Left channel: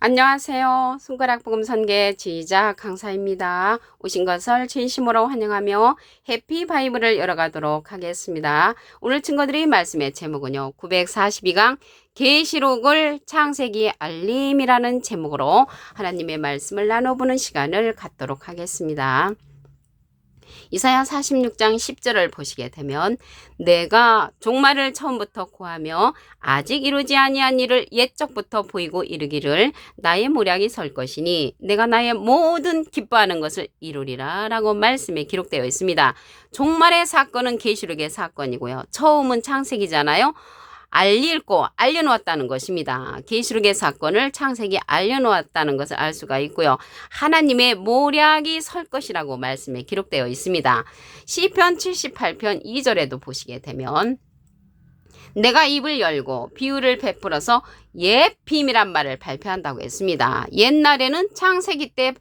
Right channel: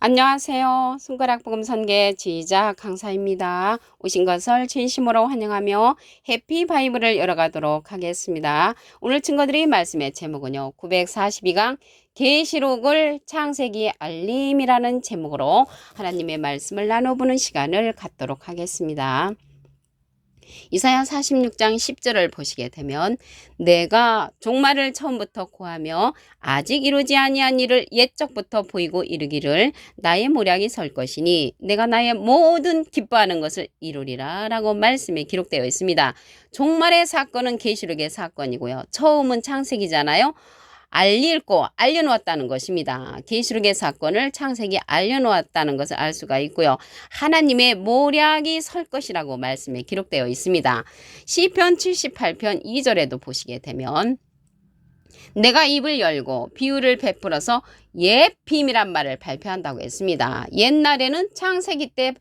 안녕하세요. 손가락 복음 선계 지휘자 강사입니다. 오신 것을 진심으로 환영하며 해피 바이블을 열어가도록 하겠습니다. 오늘 친구들이 말씀의 제목은요. 942강 계시록을 창세기 알림이라는 제목으로 하나님의 말씀을 나눠보는 시간을 갖도록 하겠습니다. 이사야 46장 10절을 보시게 되면 내가 종말을 처음부터 고하며 아직 이루지 아니한 일을 옛적부터 보이고 이르기를 나의 모략이 설 것이니 내가 나의 모든 기뻐하는 것을 이루리라 라고 말씀에 기록되어 있습니다. 종말의 사건은 계시록의 사건이고요. 처음은 창세기잖아요. 알려놓았다는 것입니다. 계시록의 사건을 창세기 알려놓았다는 것을 알 수가 있고요. 하나님의 모략이 설 것이라고 말씀에 기록되어 있습니다. 시편 78편 2절에도 보시게 되면 내가 입을 열고 비유를 베풀어서 옛 비밀한 말을 발표한다고 했습니다. 옛날에는 창세기 때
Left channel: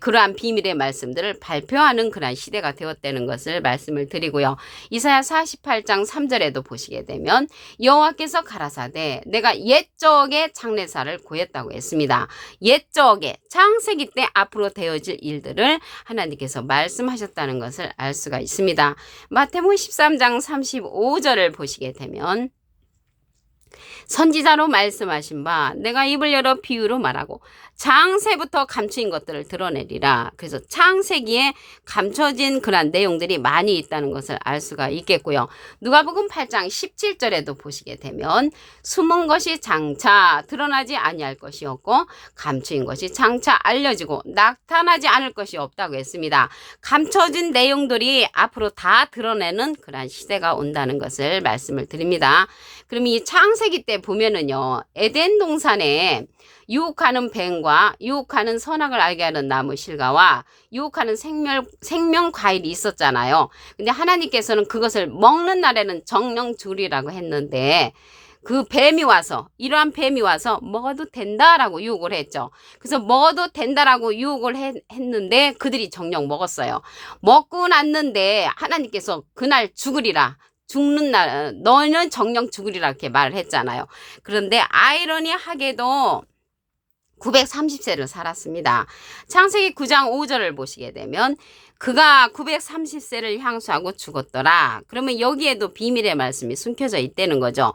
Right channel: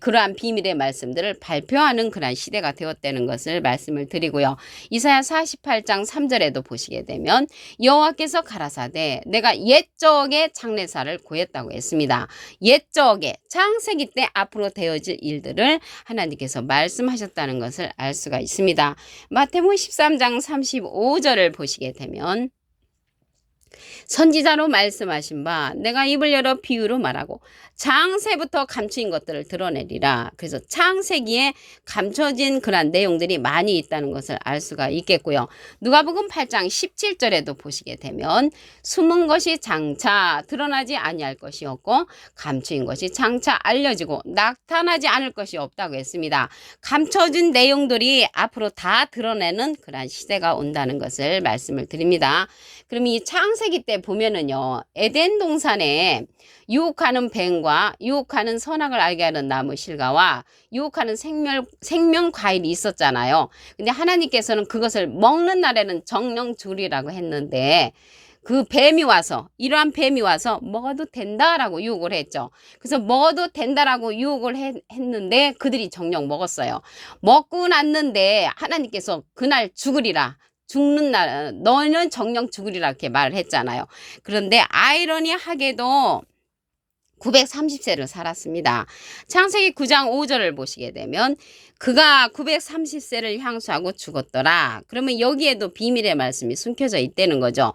그러한 비밀의 말씀들을 발표하는 그러한 시대가 되었다는 것을 말씀을 드리고요. 이사야 48장 3절에도 보시게 되면 여호와께서 가라사대 내가 옛적의 장래사를 고했다고 했습니다. 옛적의 창세기 때 앞으로 되어질 일들을 하나님께서 말씀하셨다는 것을 알 수가 있습니다. 마태복음 13장 35절을 보시게 되면 선지자로 말씀하신 바 내가 입을 열어 비유로 말하고 창세부터 감추인 것들을 드러내리라. 그래서 창세기에 감춰진 그런 내용들이 많이 있다는 것을 알 수가 있겠고요. 누가복음 8장 17절에도 보시게 되면 숨은 것이 장차 드러나지 아니할 것이 없고 감추인 것이 장차 알려지고 나타나지 않을 것이 없다고 했습니다. 감춰진 내용들이 앞으로 다 드러내는 그런 시대가 온다는 것을 말씀을 드립니다. 그럼 이 창세기 때 보면은요, 에덴 동산에 유혹하는 뱀과 유혹하는 선악을 알게 하는 나무 실과와 유혹하는 생명 과일이 있었잖아요. 근데 하나님께서는 그것을 먹는 날에는 정령 주리라고 했는데 그 뱀이 와서 이러한 뱀이 와서 먹어도 된다라고 유혹을 했죠. 그래서 먹어도 된다라고 유혹을 했는데 그들이 정녕 먹었어요. 먹고 났는데 하나님께서 그날 죽으리라. 죽는 날 너는 정령 죽으리라 이렇게 말을 했잖아요. 그런데 아이러니하게도 930세를 살았습니다. 창세기 9장 5절을 보시게 되면 그가 930세를 향수하고 죽었더라. 그러면 여기에도 비밀의 말씀이 숨겨져 있다는 거죠.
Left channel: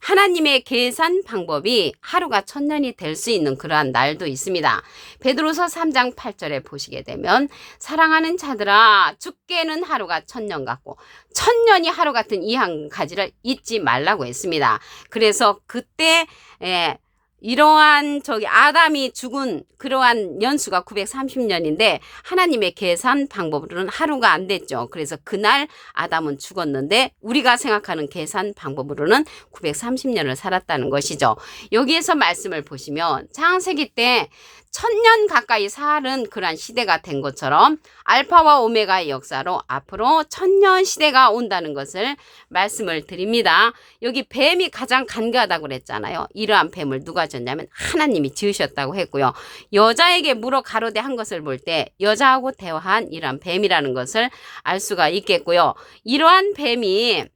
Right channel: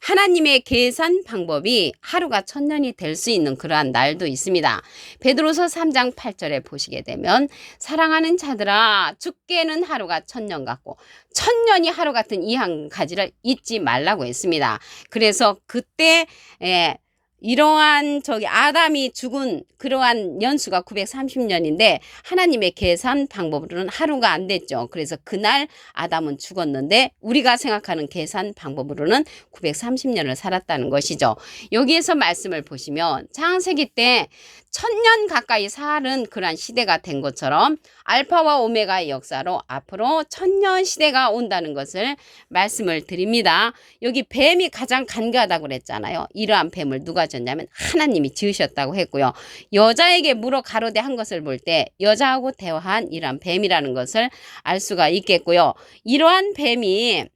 하나님의 계산 방법이 하루가 1000년이 될 수 있는 그러한 날도 있습니다. 베드로서 3장 8절에 보시게 되면 사랑하는 자들아 죽게는 하루가 1000년 같고 1000년이 하루 같은 이 한 가지를 잊지 말라고 했습니다. 그래서 그때 이러한 아담이 죽은 그러한 연수가 930년인데 하나님의 계산 방법으로는 하루가 안 됐죠. 그래서 그날 아담은 죽었는데 우리가 생각하는 계산 방법으로는 930년을 살았다는 것이죠. 여기에서 말씀을 보시면 창세기 때 1000년 가까이 사는 그러한 시대가 된 것처럼 알파와 오메가의 역사로 앞으로 1000년 시대가 온다는 것을 말씀을 드립니다. 여기 뱀이 가장 간교하다고 그랬잖아요. 이러한 뱀을 누가 졌냐면 하나님이 지으셨다고 했고요. 여자에게 물어 가로되 한 것을 볼 때 여자하고 대화한 이러한 뱀이라는 것을 알 수가 있겠고요. 이러한 뱀이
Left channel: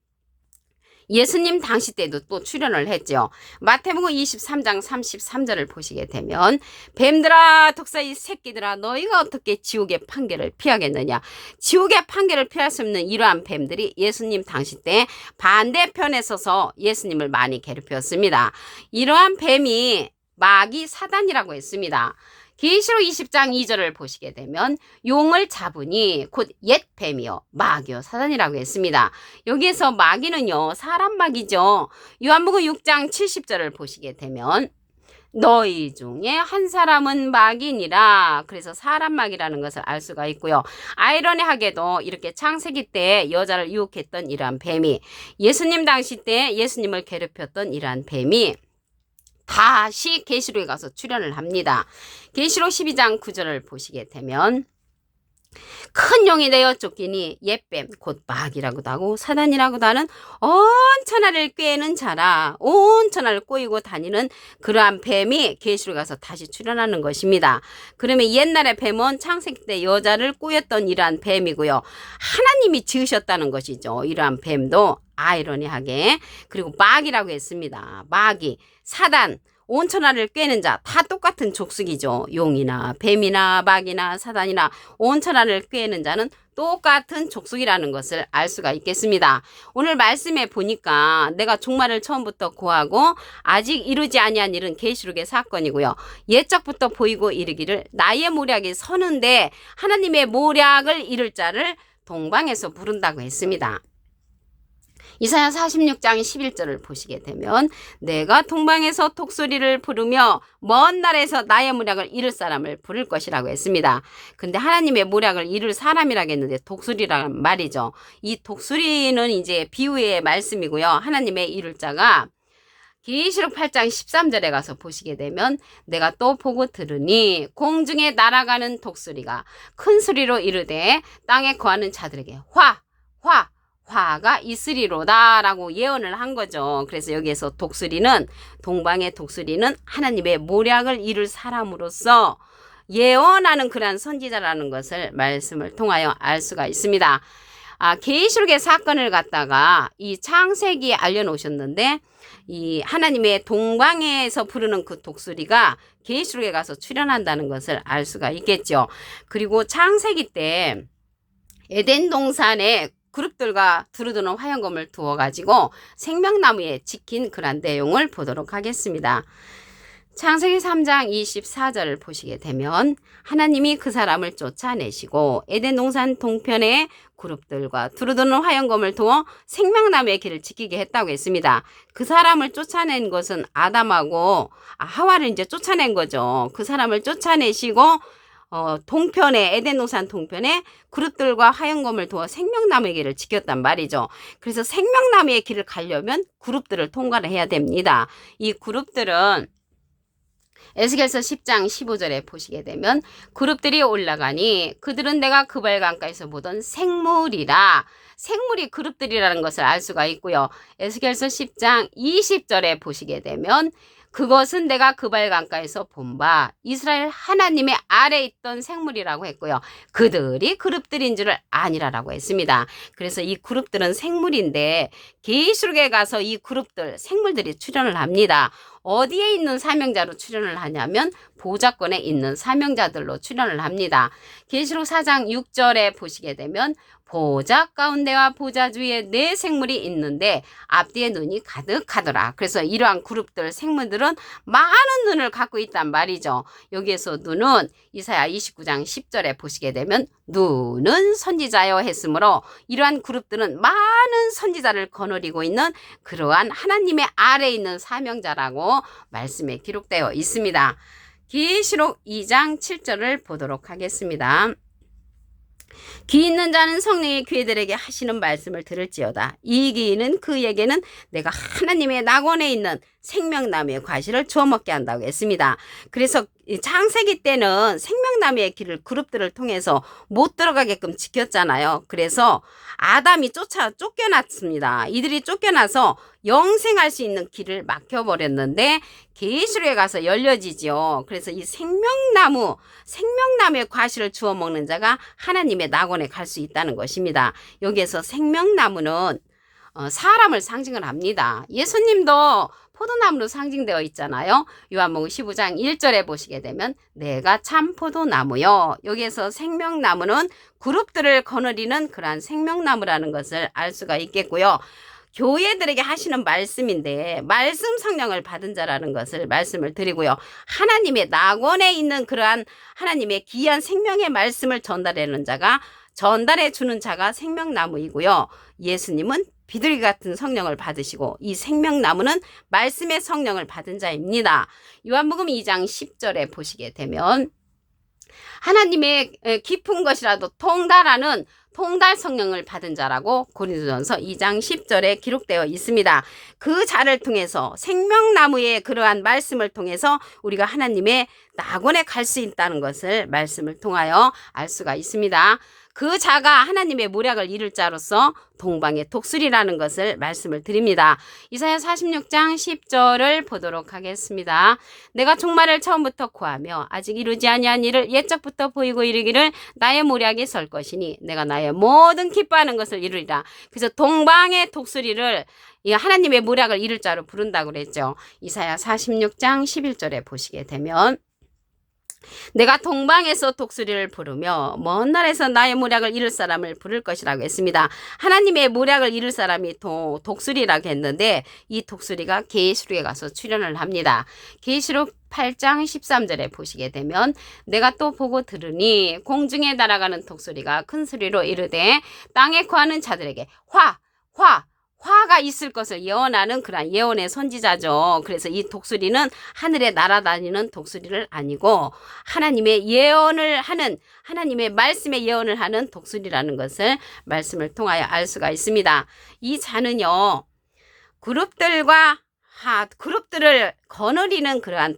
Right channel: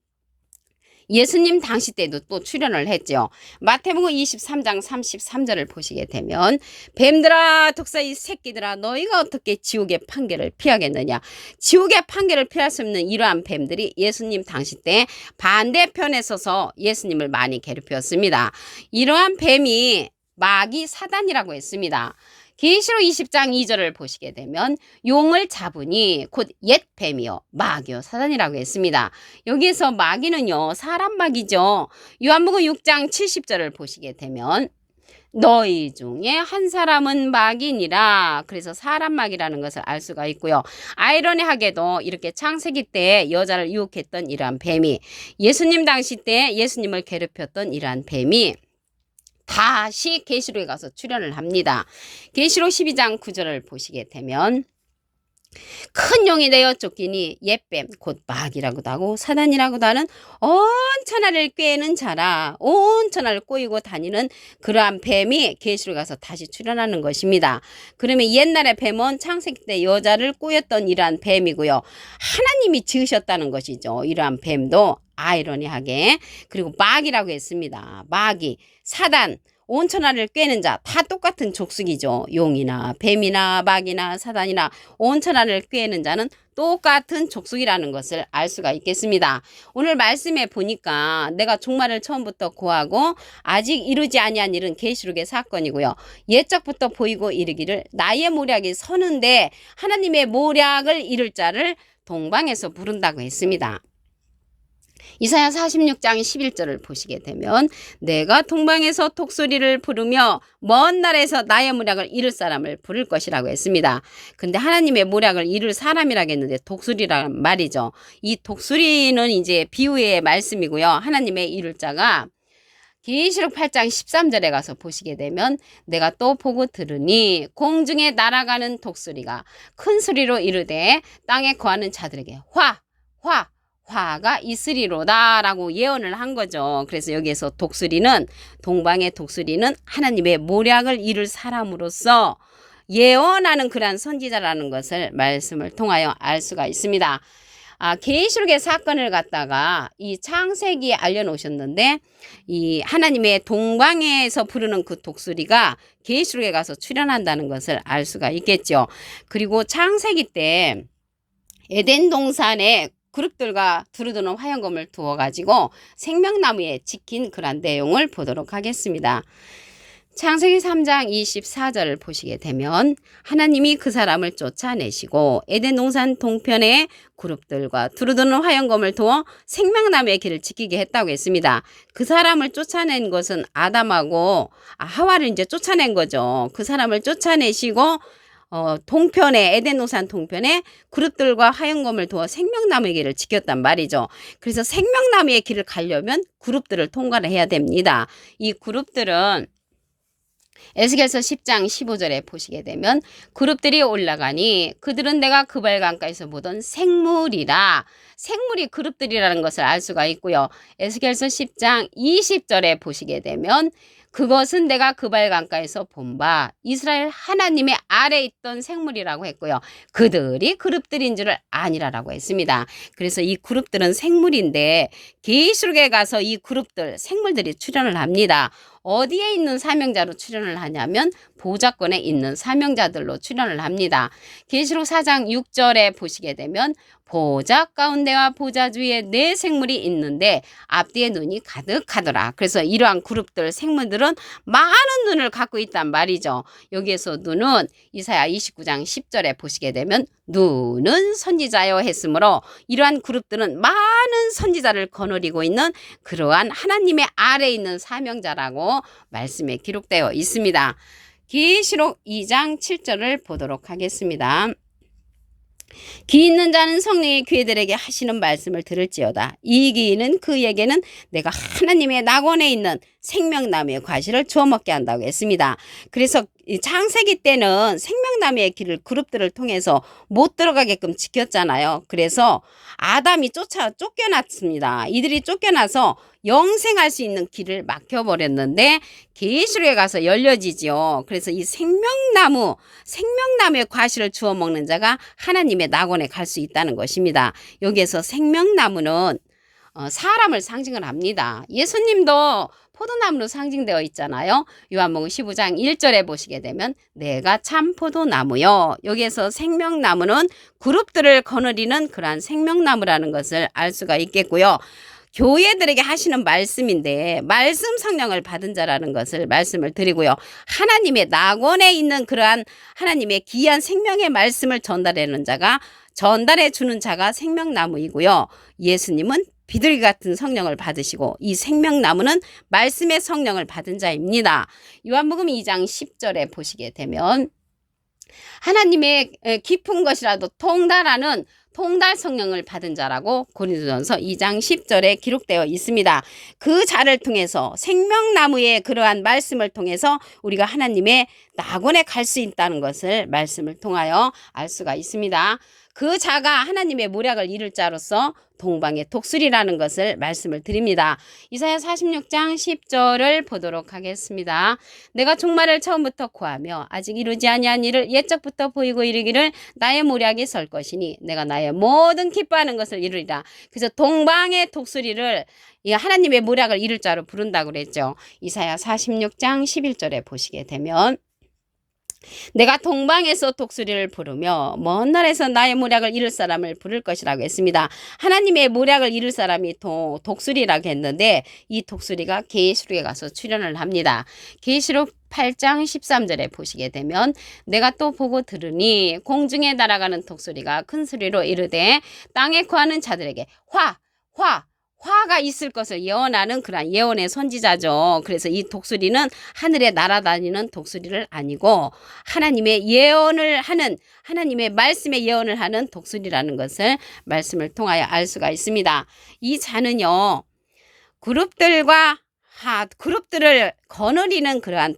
예수님 당시 때도 또 출연을 했죠. 마태복음 23장 33절을 보시게 되면 뱀들아 독사의 새끼들아 너희가 어떻게 지옥의 판결을 피하겠느냐. 지옥의 판결을 피할 수 없는 이러한 뱀들이 예수님 당시 때 반대편에 서서 예수님을 많이 괴롭혔습니다. 이러한 뱀이 마귀 사단이라고 했습니다. 계시록 20장 2절을 보시게 되면 용을 잡으니 곧 옛 뱀이요 마귀요 사단이라고 했습니다. 여기에서 마귀는요 사람 마귀죠. 요한복음 6장 70절을 보시게 되면 너희 중에 한 사람은 마귀니라. 그래서 사람 마귀라는 것을 알 수가 있고요. 아이러니하게도 이렇게 창세기 때 여자를 유혹했던 이러한 뱀이 예수님 당시 때 예수님을 괴롭혔던 이러한 뱀이 다시 계시록에 가서 출연을 합니다. 계시록 12장 9절을 보시게 되면 큰 용이 되어 쫓기니 옛뱀 곧 마귀라고도 하고 사단이라고도 하는 온 천하를 꾀는 자라. 온 천하를 꼬이고 다니는 그러한 뱀이 계시록에 가서 다시 출연하는 것입니다. 그러면 옛날에 뱀은 창세기 때 여자를 꼬였던 이러한 뱀이고요. 하나님이 지으셨다는 것이죠. 이러한 뱀도 아이러니하게. 그리고 마귀라고 했습니다. 마귀 사단 온 천하를 꿰는 자 다 똑같은 족속이죠. 용이나 뱀이나 마귀나 사단이나 온 천하를 꿰는 자는 똑같은 족속이라는 것을 알 수가 있겠습니다. 오늘 말씀에 보니까 내가 종말을 처음부터 고하고 아직 이루지 아니한 일은 계시록의 사건이고요. 옛적부터 보이고 이르기를 나의 모략이 서는데 하나님의 모략을 이룰 자를 동방에서 부른다고 했습니다. 이사야 46장 11절을 보시게 되면 내가 동방에서 독수리를 부르며 먼 나라에서 나의 모략을 이룰 사람을 부를 것이라고 했습니다. 근데 하나님의 모략을 이룰 사람이라고 했는데 독수리란 말이죠. 이 독수리는 이제 비유의 말씀이고요. 하나님의 이룰 자가 계시록 8장 13절에 가서 보시게 되면 내가 또 보고 들으니 공중에 날아가는 독수리가 큰 소리로 이르되 땅에 거하는 자들에게 화가 있으리로다 라고 예언을 한 거죠. 그래서 여기에서 독수리는 동방의 독수리는 하나님의 모략을 이룰 사람으로서 예언하는 그러한 선지자라는 것을 말씀을 통하여 알 수가 있습니다. 계시록의 사건을 갖다가 이 창세기에 알려놓으셨는데 이 하나님의 동방에서 부르는 그 독수리가 계시록에 가서 출현한다는 것을 알 수가 있겠죠. 그리고 창세기 때 에덴 동산에 그룹들과 두루두는 화형검을 두어가지고 생명나무에 지킨 그런 내용을 보도록 하겠습니다. 창세기 3장 24절을 보시게 되면 하나님이 그 사람을 쫓아내시고 에덴 동산 동편에 그룹들과 두루두는 화형검을 두어 생명나무의 길을 지키게 했다고 했습니다. 그 사람을 쫓아낸 것은 아담하고 하와를 이제 쫓아낸 거죠. 그 사람을 쫓아내시고 동편에 에덴 동산 동편에 그룹들과 화형검을 두어 생명나무의 길을 지켰단 말이죠. 그래서 생명나무의 길을 가려면 그룹들을 통과를 해야 됩니다. 이 그룹들은 에스겔서 10장 15절에 보시게 되면 그룹들이 올라가니 그들은 내가 그발 강가에서 보던 생물이라. 생물이 그룹들이라는 것을 알 수가 있고요. 에스겔서 10장 20절에 보시게 되면 그것은 내가 그발 강가에서 본 바 이스라엘 하나님의 아래에 있던 생물이라고 했고요. 그들이 그룹들인 줄을 아니라라고 했습니다. 그래서 이 그룹들은 생물인데 계시록에 가서 이 그룹들 생물들이 출현을 합니다. 어디에 있는 사명자로 출현을 하냐면 보좌권에 있는 사명자들로 출현을 합니다. 계시록 4장 6절에 보시게 되면 보좌 가운데와 보좌 주위에 네 생물이 있는데 앞뒤에 눈이 가득하더라. 그래서 이러한 그룹들 생물들은 많은 눈을 갖고 있단 말이죠. 여기에서 눈은 이사야 29장 10절에 보시게 되면 눈은 선지자여 했으므로 이러한 그룹들은 많은 선지자를 거느리고 있는 그러한 하나님의 아래에 있는 사명자라고 말씀에 기록되어 있습니다. 계시록 2장 7절을 보도록 하겠습니다. 귀 있는 자는 성령의 귀들에게 하시는 말씀을 들을지어다. 이 귀는 그에게는 내가 하나님의 낙원에 있는 생명나무의 과실을 주워 먹게 한다고 했습니다. 그래서 창세기 때는 생명나무의 길을 그룹들을 통해서 못 들어가게끔 지켰잖아요. 그래서 아담이 쫓겨났습니다. 이들이 쫓겨나서 영생할 수 있는 길을 막혀버렸는데 계시록에 가서 열려지죠. 그래서 이 생명나무의 과실을 주워 먹는 자가 하나님의 낙원에 갈 수 있다는 것입니다. 여기에서 생명나무는 사람을 상징을 합니다. 예수님도 포도나무로 상징되어 있잖아요. 요한복음 15장 1절에 보시게 되면 내가 참 포도나무요. 여기에서 생명나무는 그룹들을 거느리는 그러한 생명나무라는 것을 알 수가 있겠고요. 교회들에게 하시는 말씀인데 말씀 성령을 받은 자라는 것을 말씀을 드리고요. 하나님의 낙원에 있는 그러한 하나님의 귀한 생명의 말씀을 전달하는 자가 전달해 주는 자가 생명나무이고요. 예수님은 비둘기 같은 성령을 받으시고 이 생명나무는 말씀의 성령을 받은 자입니다. 요한복음 2장 10절에 보시게 되면 하나님의 깊은 것이라도 통달하는 통달 성령을 받은 자라고 고린도전서 2장 10절에 기록되어 있습니다. 그 자를 통해서 생명나무의 그러한 말씀을 통해서 우리가 하나님의 낙원에 갈 수 있다는 것을 말씀을 통하여 알 수가 있습니다. 그 자가 하나님의 모략을 이룰 자로서 동방의 독수리라는 것을 말씀을 드립니다. 이사야 46장 10절을 보도록 하겠습니다. 내가 종말을 처음부터 구하며 아직 이루지 아니한 일을 옛적부터 보이고 이르기를 나의 모략이 설 것이니 내가 나의 모든 기뻐하는 것을 이루리라. 그래서 동방의 독수리를 하나님의 모략을 이룰 자로 부른다고 그랬죠. 이사야 46장 11절에 보시게 되면 내가 동방에서 독수리를 부르며 먼 날에서 나의 모략을 이룰 사람을 부를 것이라고 했습니다. 하나님의 모략을 이룰 사람이 독수리라고 했는데 이 독수리가 계시록에 가서 출현을 합니다. 계시록 8장 13절에 보시게 되면 내가 또 보고 들으니 공중에 날아가는 독수리가 큰 소리로 이르되 땅에 거하는 자들에게 화가 있을 것을 예언하는 그런 예언의 선지자죠. 그래서 이 독수리는 하늘에 날아다니는 독수리를 아니고 하나님의 예언을 하는, 하나님의 말씀의 예언을 하는 독수리라는 것을 말씀을 통하여 알 수가 있습니다. 이 자는요, 그룹들을 거느리는 그러한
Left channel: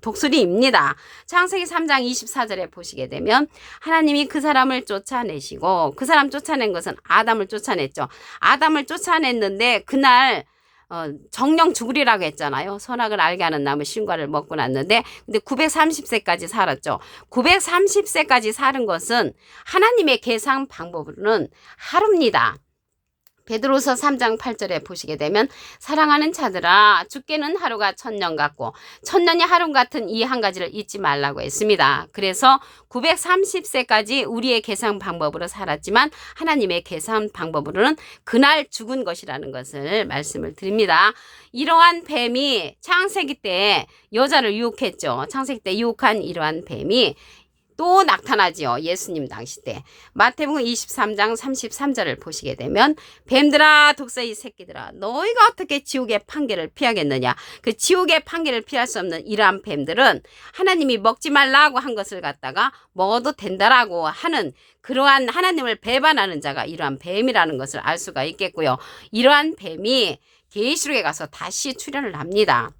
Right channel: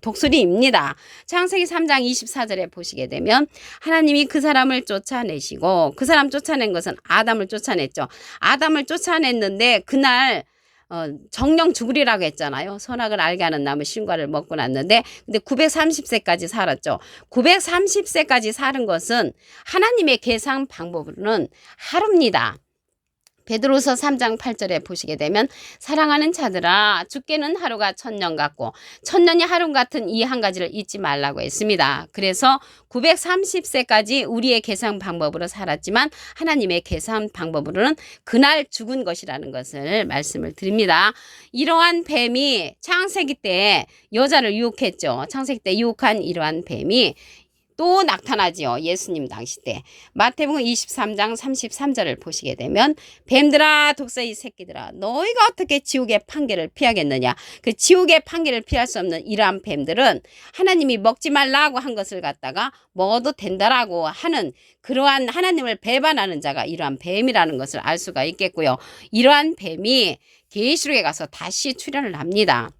독수리입니다. 창세기 3장 24절에 보시게 되면 하나님이 그 사람을 쫓아내시고, 그 사람 쫓아낸 것은 아담을 쫓아냈죠. 아담을 쫓아냈는데 그날 정령 죽으리라고 했잖아요. 선악을 알게 하는 나무 신과를 먹고 났는데, 근데 930세까지 살았죠. 930세까지 사는 것은 하나님의 계산 방법으로는 하루입니다. 베드로서 3장 8절에 보시게 되면 사랑하는 자들아 죽게는 하루가 1000년 같고 1000년이 하루 같은 이 한 가지를 잊지 말라고 했습니다. 그래서 930세까지 우리의 계산 방법으로 살았지만 하나님의 계산 방법으로는 그날 죽은 것이라는 것을 말씀을 드립니다. 이러한 뱀이 창세기 때 여자를 유혹했죠. 창세기 때 유혹한 이러한 뱀이 또 나타나지요. 예수님 당시 때. 마태복음 23장 33절을 보시게 되면 뱀들아 독사의 새끼들아 너희가 어떻게 지옥의 판결을 피하겠느냐. 그 지옥의 판결을 피할 수 없는 이러한 뱀들은 하나님이 먹지 말라고 한 것을 갖다가 먹어도 된다라고 하는 그러한 하나님을 배반하는 자가 이러한 뱀이라는 것을 알 수가 있겠고요. 이러한 뱀이 계시록에 가서 다시 출현을 합니다.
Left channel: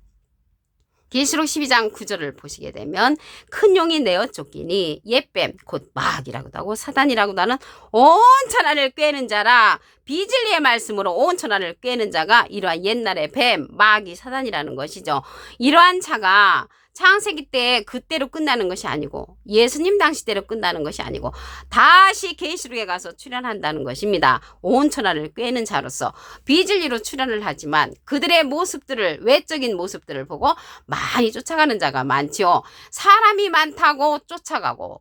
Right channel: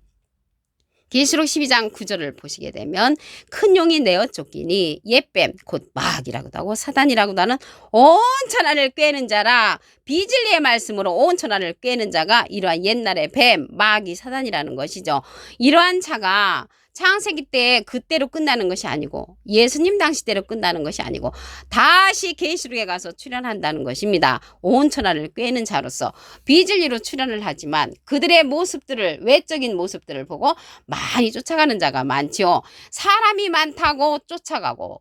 계시록 12장 9절을 보시게 되면 큰 용이 내어 쫓기니 옛뱀 곧 마귀라고도 하고 사단이라고도 하는 온 천하를 꿰는 자라. 비진리의 말씀으로 온 천하를 꿰는 자가 이러한 옛날의 뱀 마귀 사단이라는 것이죠. 이러한 자가 창세기 때 그때로 끝나는 것이 아니고 예수님 당시대로 끝나는 것이 아니고 다시 계시록에 가서 출현한다는 것입니다. 온 천하를 꿰는 자로서 비진리로 출현을 하지만 그들의 모습들을, 외적인 모습들을 보고 많이 쫓아가는 자가 많지요. 사람이 많다고 쫓아가고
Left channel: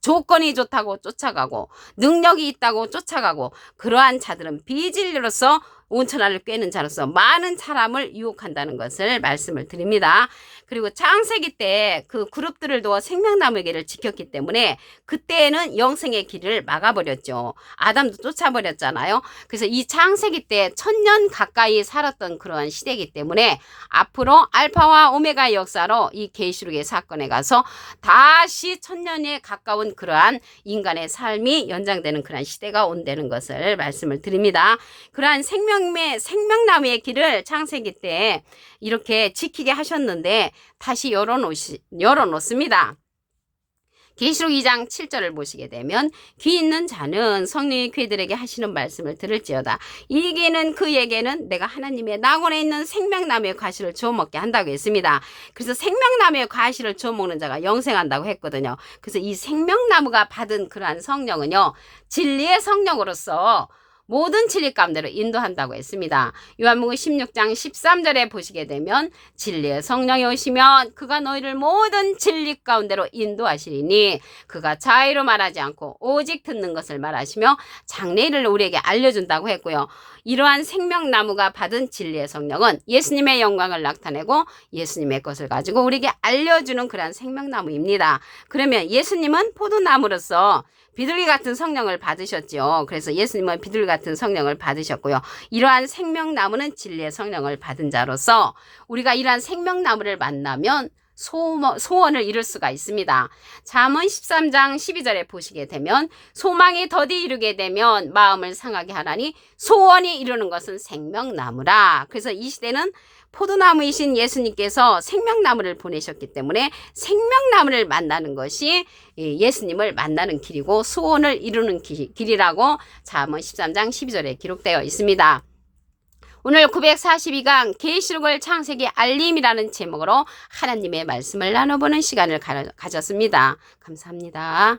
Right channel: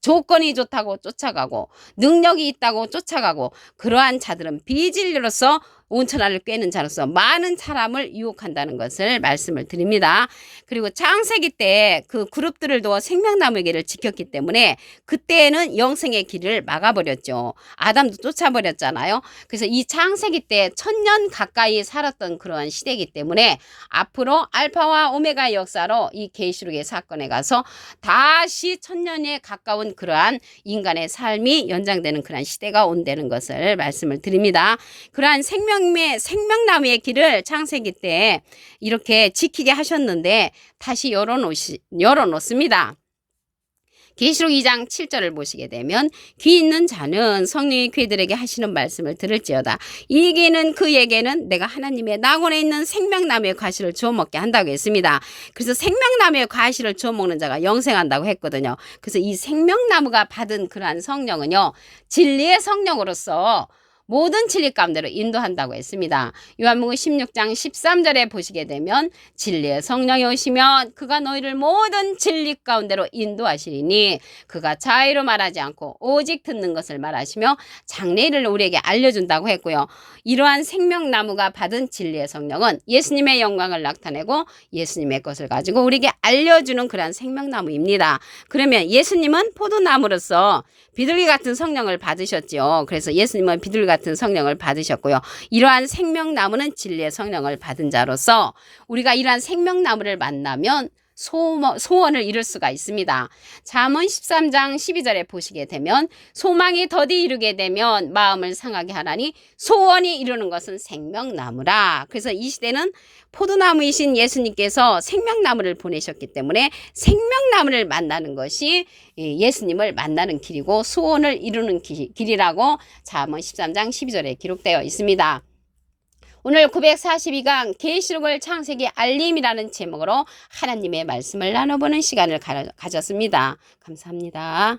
조건이 좋다고 쫓아가고 능력이 있다고 쫓아가고 그러한 자들은 비진리로서 온 천하를 꿰는 자로서 많은 사람을 유혹한다는 것을 말씀을 드립니다. 그리고 창세기 때 그 그룹들을 두어 생명나무의 길을 지켰기 때문에 그때는 영생의 길을 막아버렸죠. 아담도 쫓아버렸잖아요. 그래서 이 창세기 때 1000년 가까이 살았던 그런 시대이기 때문에 앞으로 알파와 오메가의 역사로 이 계시록의 사건에 가서 다시 1000년에 가까운 그러한 인간의 삶이 연장되는 그러한 시대가 온다는 것을 말씀을 드립니다. 그러한 생명나무의 길을 창세기 때 이렇게 지키게 하셨는데 다시 열어놓습니다. 계시록 2장 7절을 보시게 되면 귀 있는 자는 성령이 그들에게 하시는 말씀을 들을지어다. 이 귀는 그에게는 내가 하나님의 낙원에 있는 생명나무의 과실을 주워 먹게 한다고 했습니다. 그래서 생명나무의 과실을 주워 먹는 자가 영생한다고 했거든요. 그래서 이 생명나무가 받은 그러한 성령은요, 진리의 성령으로서 모든 진리 가운데로 인도한다고 했습니다. 요한복음 16장 13절에 보시게 되면 진리의 성령이 오시면 그가 너희를 모든 진리 가운데로 인도하시리니 그가 자의로 말하지 않고 오직 듣는 것을 말하시며 장래일을 우리에게 알려준다고 했고요. 이러한 생명나무가 받은 진리의 성령은 예수님의 영광을 나타내고 예수님의 것을 가지고 우리에게 알려주는 그러한 생명나무입니다. 그러면 예수님은 포도나무로서 비둘기 같은 성령을 받으셨지요. 그래서 예수님은 비둘기 같은 성령을 받으셨고요. 이러한 생명나무는 진리의 성령을 받은 자로서 우리가 이러한 생명나무를 만나면 소원을 이룰 수가 있습니다. 잠언 13장 12절에 보시게 되면 소망이 더디 이루게 되면 마음을 상하게 하나니 소원이 이루는 것은 생명나무라. 그래서 이 시대는 포도나무이신 예수님께서 생명나무를 보내셨기 때문에 생명나무를 만나는 것이 예수님을 만나는 길이고 소원을 이루는 길이라고 잠언 13장 12절에 기록되어 있습니다. 오늘 942강 계시록을 창세기 알림이라는 제목으로 하나님의 말씀을 나눠보는 시간을 가졌습니다. 감사합니다.